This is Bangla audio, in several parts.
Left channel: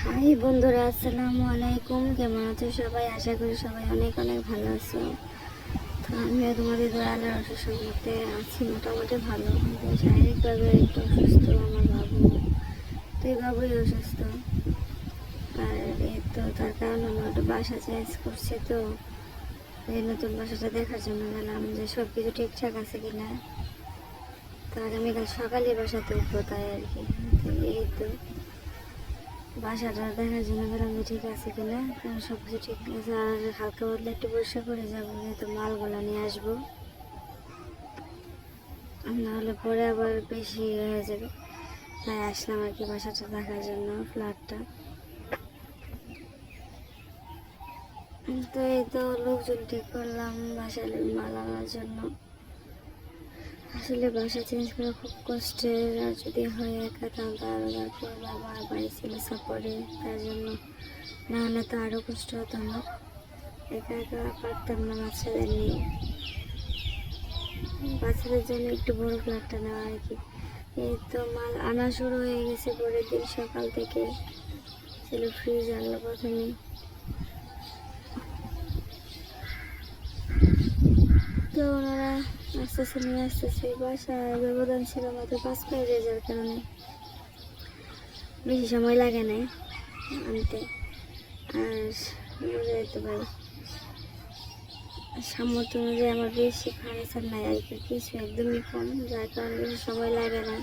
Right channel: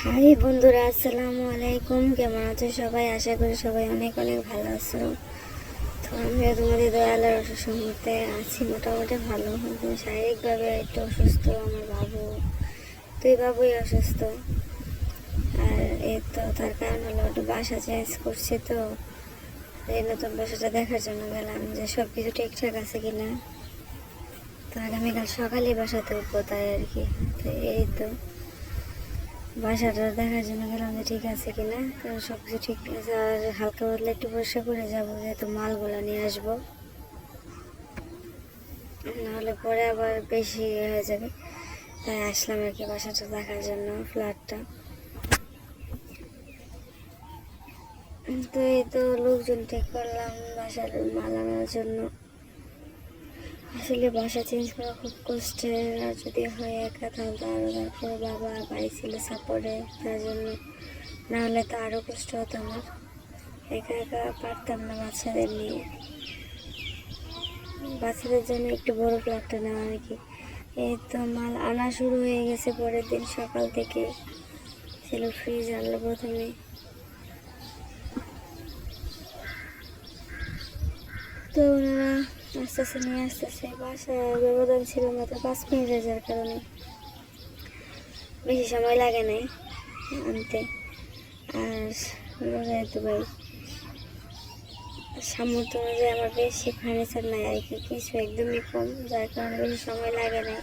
হাই বন্ধুরা, আসসালামু আলাইকুম। কেমন আছো সবাই? আশা করি সবাই অনেক অনেক ভালো আছো। তো আমিও তোমাদের দয়ালের সম্পর্কে আছি, মোটামুটি ভালো। কিন্তু শারীরিকভাবে একটু অসুস্থ আমার বাবু। তো এই বাবুই অসুস্থ। আর এই তো তার কারণ হলো একটা বাসা চেঞ্জ করছে তো। এই নতুন বাসাটা দেখার জন্য গেলাম যে সব কিছু ঠিকঠাক আছে কিনা। তো আগামীকাল সকালে বাসাতে উঠবো তাই আর কি। তো এই তো। বাসাটা দেখার জন্য গেলাম যে ঠিক আছে কিনা? কারণ সব কিছু ঠিক আছে। আর হালকা পাতলা একটু বর্ষা করে যাব, যেহেতু মালগুলো নিয়ে আসব। নাহলে পরে আবার বেশি হয়ে যাবে। তাই আসলাম আর কি বাসাটা দেখার জন্য, ফ্ল্যাটটা। তো এই তো লোকজন ঠিক করলাম, বাসার মাল জন্য। আসলে বাসা চেঞ্জ করা খুব কষ্টের। যদি হয় একা তাহলে আরও তারপর বাবা বাড়ি ছিল সাপোর্টে তার জন্য। না হলে তো আরও কষ্ট হতো আমার। একা একা পারতাম না বাচ্চাদের নিয়ে। বাচ্চাদের জন্য একটু বড় ফ্ল্যাটটা নেওয়া আর কি এই তো মাল আনা শুরু হয়ে গেছে পরের দিন সকাল থেকে ছিল ফ্রিজ আনলো প্রথমে। তো ওনারা আস্তে আস্তে নিয়ে আসতেছে। বাসা ব্যবধান ছিল মাত্র পাঁচ মিনিটের যার কারণে। বেশি সময় লাগে নাই আনতে। আর বোঝাই তো ভাই, সামর্থ্য অনুযায়ী আমার বেশি ফার্নিচার নাই, আর কি, কিছু একদমই কম, যার কারণে বেশি সময় লাগে নাই।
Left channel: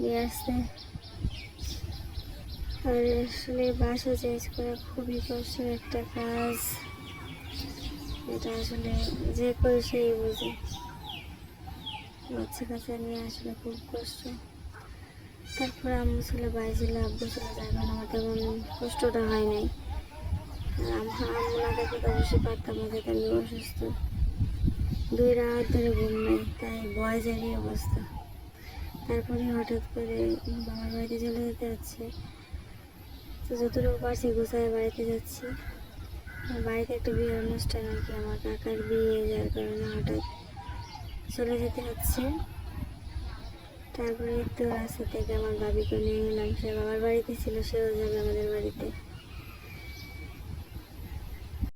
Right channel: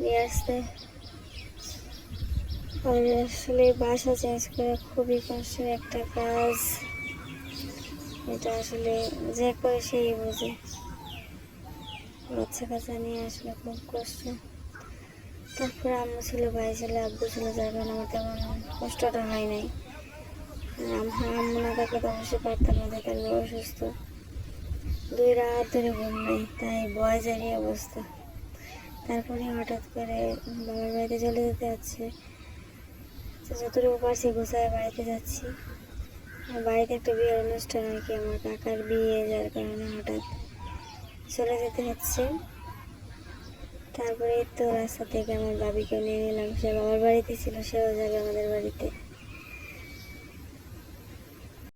নিয়ে আসতে। আর আসলে বাসা চেঞ্জ করা খুবই কষ্ট একটা কাজ। এটা আসলে যে করে সেই বোঝে। বাচ্চা কাচ্চা নিয়ে আসলে খুব কষ্ট। তারপরে আম্মু ছিল, ভাই ছিল, আব্বু ছিল, যার কারণে আমার তেমন কষ্টটা হয় নাই। আর আম্মু না থাকলে তো অবশ্যই পারতাম না যেহেতু আমি অসুস্থ। দুই রাত ধরে ঘুম নাই, তাই বয়সেরই অবস্থা। তারপরে হঠাৎ করে বাবার বাড়িতে চলে যেতে হচ্ছে। যতটুকু পারছি গুছায় বাড়িতে যাচ্ছি। বাড়িতে একটা বিয়ের অনুষ্ঠান আর কি, আমার কাকার বিয়ে, যার কারণে হঠাৎ চলে যেতে হচ্ছে। তারপরে তো রাস্তা থেকে আমার বাবিকে নিয়ে এলাম। সে বাবার বাড়িতে ছিল, সেও যাবে আমাদের বাড়িতে।